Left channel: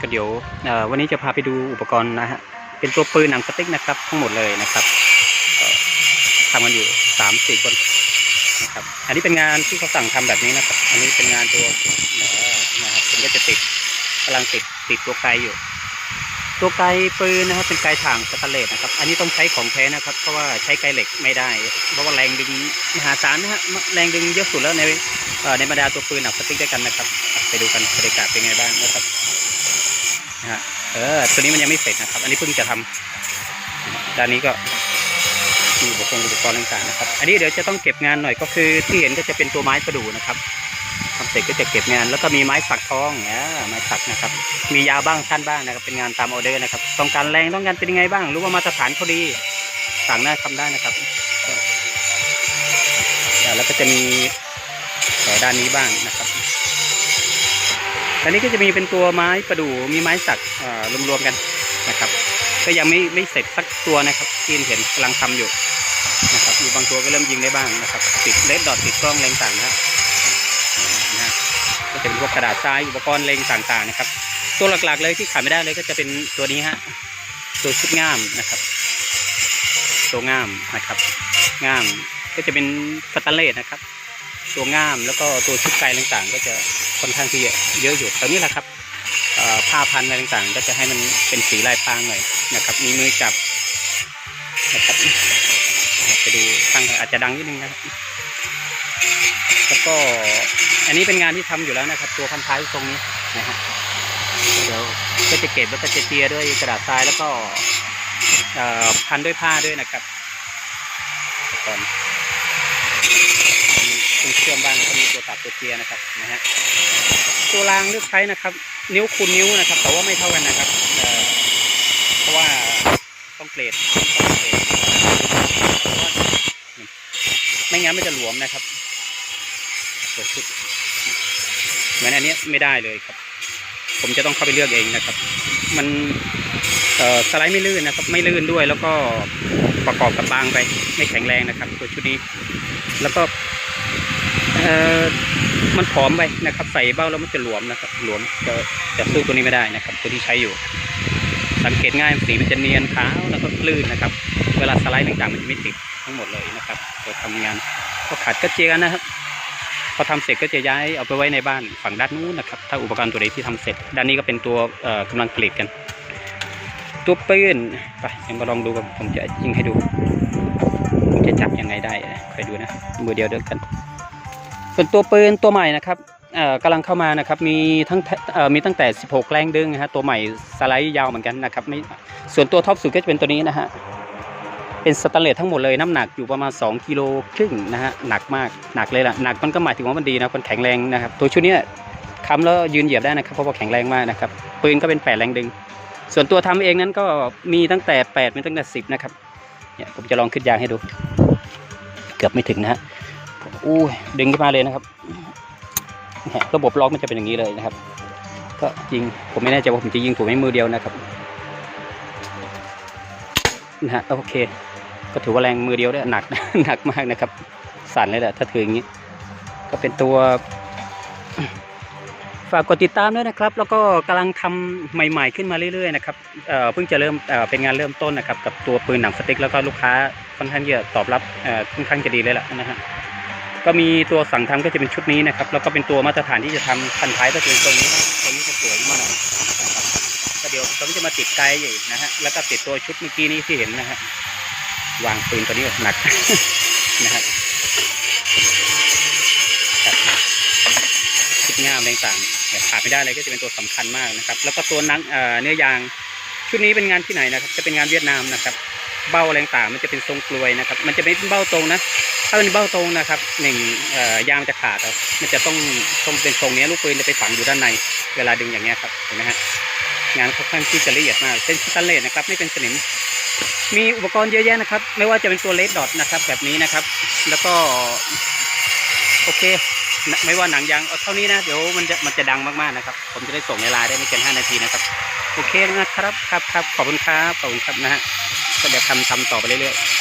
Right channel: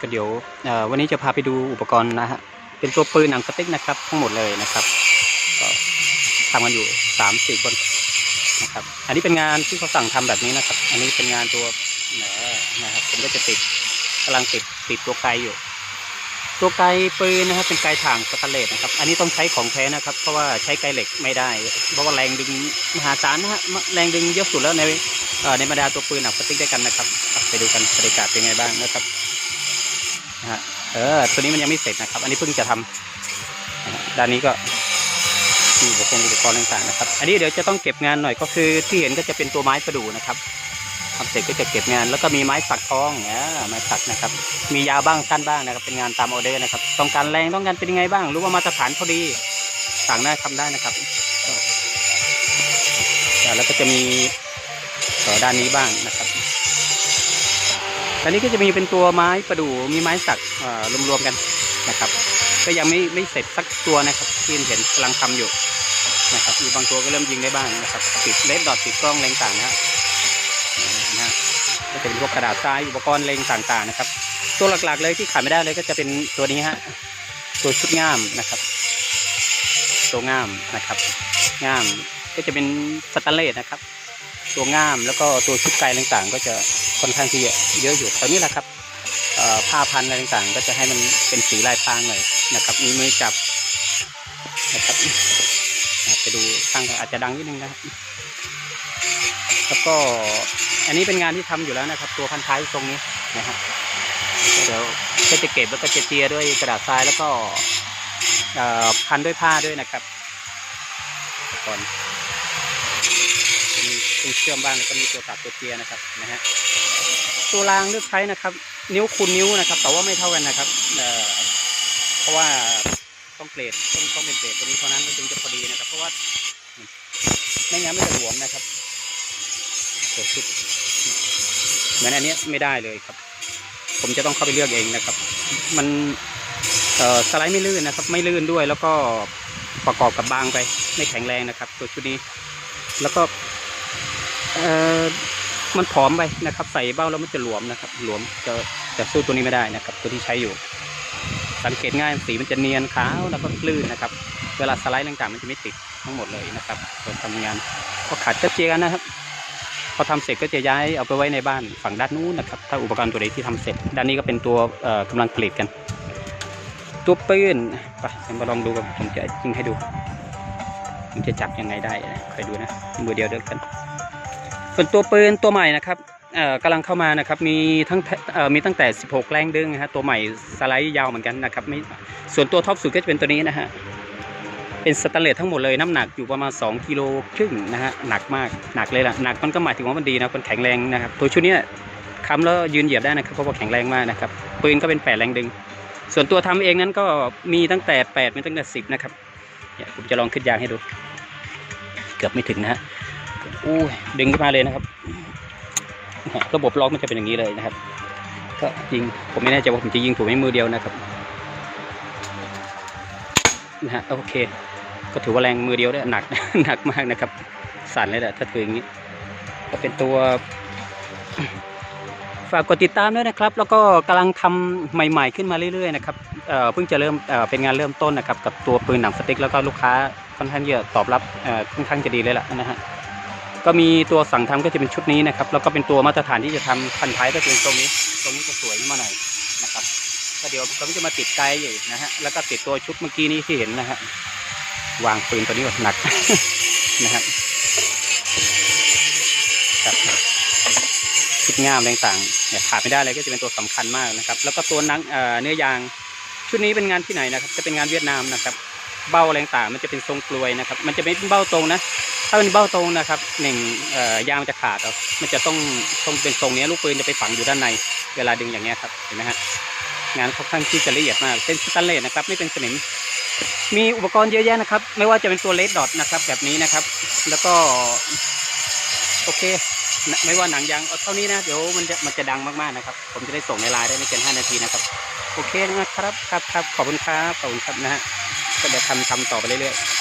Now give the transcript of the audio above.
ก็เดี๋ยววันนี้จะพาไปดูอุปกรณ์นะฮะเป็นตัวปืนหนังสติ๊กนะครับ ทั้งหมดเลยนะครับก็ทำกันอยู่สามสี่คนนะครับ อันนี้เป็นงานที่เขาสั่งทำแบบนี้นะครับ อันนี้เป็นงานตัวเอ่อนะครับผมก็จะติดกำลังติดติดตัวไกลอยู่ ตัวไกลปืนนะครับ เป็นไกลถ่างสแตนเลสนะครับ อันนี้ต้องใช้ของแท้นะครับ เพราะว่าใช้ไกลเหล็กไม่ได้ เพราะว่าแรงดึงมหาศาลนะฮะแรงดึงเยอะสุดแล้วในในบรรดาตัวปืนหนังสติ๊กด้วยกันนะครับ ไปดูกันบรรยากาศเป็นไงบ้างนะครับ นะฮะเออตัวนี้มันยังไม่เสร็จนะครับ อันนี้เพิ่งจะทำนะฮะด้านนี้ก็มีอุปกรณ์อุปกรณ์ต่างๆนะครับ อันนี้เดี๋ยวจะต้องเก็บงานหน่อยก็คือที่เห็นก็จะเป็นตัวไม้ประดู่นะครับทำเสร็จก็จะเก็บงาน แล้วก็มีไม้สักทองเนี่ยไม้สักนะครับ มียาวบ้างสั้นบ้างนะครับ เป็นงานตามออเดอร์นะครับ ต้องการแรงต้องการเป็นยังไงบ้างรือว่ามาตรฐานเขาดีสั่งได้ทำได้นะครับแล้วก็จะมีเอ่อด้านนี้บ้างนะครับ อันนี้ก็จะมีเป็นตัวไม้ประดู่มีไม้สักรวมๆกันนะครับ ก็ยังไม่ไม่เสร็จสักตัวนะครับที่เห็นกำลังทำอยู่นะครับมีบางตัวก็เริ่มยิงได้บ้างนะครับติดเลดดอทติดกล้องแรงต่างนะครับนะฮะก็จะเป็นพวกกระดาษทรายอุปกรณ์เลงต่างๆนะครับ ตัวหลักๆเลยที่ขาดไม่ได้เลยก็จะเป็นตัวนี้ฮะตัวชุดง่ามนะครับตัวง่ามนะครับง่ามก็จะเป็นสแตนเลสนะครับ ตัวง่ามแล้วก็ตัวชุดไกลต่างๆ ก็จะ ค่อนข้างที่เยอะอยู่แถวนี้แหละครับผ้าพันอะไรต่างๆ ก็จะให้มันเป็นสีลายพรางหน่อยนะครับ มีมือจับนะครับอะไปดูข้างอาจจะดังนิดนึงนะครับแล้วก็อันนี้เป็นงานที่ทำอยู่แล้วนะครับ ตัวพันท้ายตรงนี้นะฮะเดี๋ยวก็จะเก็บแล้วก็จะเจียด้วยกระดาษทรายแล้วก็พันด้วยผ้าด้วยนะครับก่อนมีตรงเชื่อมบ้างแล้วก็มีตัวตัดตัวเจียนะครับนะฮะ ตัวรางเลือกใช้นะครับ นิ้วคูณนิ้วนะครับ แต่ว่าไม่เท่ากันนะครับเอ่อเพราะว่าต้องเกรดต้องเป็นเกรดนี้เท่านั้นเพราะว่าไม่งั้นไม่จะหลวมนะครับตัวชุดเหมือนอันนี้ไม่ได้เลยครับ ผมจะต้องเข้าไปเลือกเองนะครับ มันเอ่อสไลด์ไม่ลื่นนะครับ ไม่ลื่นด้วยแล้วก็ประกอบกับบางไป ไม่แข็งแรงนะครับ ตัวชุดนี้ แล้วก็เอ่อ มันผอมไปนะครับ ใส่เบ้าแล้วมันจะหลวมนะครับหลวมจะจะสู้ตัวนี้ไม่ได้นะครับ ตัวที่ใช้อยู่ สังเกตง่ายสีมันจะเนียนขาวแล้วก็ลื่นนะครับ เวลาสไลด์ต่างๆมันจะไม่ติดทั้งหมดเลยนะครับเราทำงานก็ขัดก็เจียกันนะครับ พอทำเสร็จก็จะย้ายเอาไปไว้ในบ้านฝั่งด้านนู้นนะครับ ถ้าอุปกรณ์ตัวใดที่ทำเสร็จ ด้านนี้ก็เป็นตัวเอ่อกำลังผลิตกัน ตัวปืนไปเดี๋ยวมาลองดูกันผมจะยิงให้ดู ผมจะจับยังไงได้คอยดูนะมือเดียวเดียวกัน ส่วนตัวปืนตัวใหม่นะครับกำลังเข้ามานะครับมีทั้งมีตั้งแต่ 16 แรงดึงนะฮะตัวใหม่สไลด์ยาวเหมือนกันนะครับไม่ส่วนตัวท็อปสุดก็จะเป็นตัวนี้นะฮะเป็นสแตนเลสทั้งหมดเลยน้ำหนักอยู่ประมาณ2กิโลครึ่งนะฮะหนักมากหนักเลยล่ะหนักมันก็หมายถึงว่ามันดีนะมันแข็งแรงนะครับตัวชุดนี้ค้ำแล้วยืนเหยียบได้นะครับเพราะว่าแข็งแรงมากนะครับปืนก็เป็น 8 แรงดึง ส่วนตัวทำเองนั้นก็มีตั้งแต่8มีตั้งแต่10นะครับเนี่ยผมจะลองขึ้นยางให้ดู เกือบไม่ถึงนะฮะ อู้ดึงขึ้นมาเลยนะครับระบบล็อกมันจะเป็นอย่างนี้เลยนะครับ ก็ยิงผมไม่แน่ใจว่าผมจะยิงถูกไหมมือเดียวนะครับนะฮะโอเค ก็ถือว่าแรงมือเดียวได้หนักหนักมากนะครับ สั่นเลยแหละถ้าถืออย่างนี้ ก็เป็นตัว ฝากกดติดตามด้วยนะครับ แล้วก็กำลังทำใหม่ ๆ ขึ้นมาเรื่อยๆนะครับเเพิ่งจะเริ่มเเป็นงานเริ่มต้นนะครับ กับตัวปืนหนังสติ๊กแล้วก็ลูกค้าค่อนข้างจะตอบรับเอ่อค่อนข้างจะดีเลยล่ะนะฮะ ก็มีตัวสั่งทำก็จะเป็นชุดนี้นะครับ แล้วก็เป็นตัวมาตรฐานที่จะทำพันท้ายก็จะเป็นตรงนี้ตรงนี้จะสวยมาหน่อยนะครับก็เดี๋ยวผมจะมาติดไกด์อยู่นะฮะแล้วก็ติดตัวชุดเมื่อกี้นี้ที่เห็นนะฮะวางปืนตัวนี้ก่อนหนักนะครับครับชุดง่ามต่างๆเนี่ยขาดไม่ได้เลยก็จะเป็นตัวสำคัญมากนะครับ แล้วก็ตัวนังเนื้อยางชุดนี้เป็นงานที่ไหนนะครับ จะเป็นงานเวียดนามนะครับ เบ้าอะไรต่างมันจะเป็นทรงกลวยนะครับ มันจะไม่เป็นเบ้าตรงนะ ถ้าเป็นเบ้าตรงนะครับหนึ่งอ่อยางมันจะขาดเอามันจะต้องต้องเป็นทรงนี้ลูกปืนจะไปฝังอยู่ด้านใน เวลาดึงอย่างเงี้ยครับเห็นไหมฮะงานค่อนข้างที่จะละเอียดมากเป็นสแตนเลสนะครับ ไม่เป็นสนิมมีอุปกรณ์เยอะแยะนะครับ ไม่ว่าจะเป็นตัวเลดดอทนะครับ แบบนี้นะครับ แล้วก็โอเค ไม่ว่าหนังยางเอาเท่านี้นะ เดี๋ยวมันจะมันจะดังมากๆนะครับ ผมจะได้ส่งในไลน์ได้ไม่เกิน5นาทีนะครับ โอเคนะครับครับครับขอบคุณครับขอบคุณครับนะฮะ ก็เดี๋ยวทำทำต่อไปเรื่อยๆ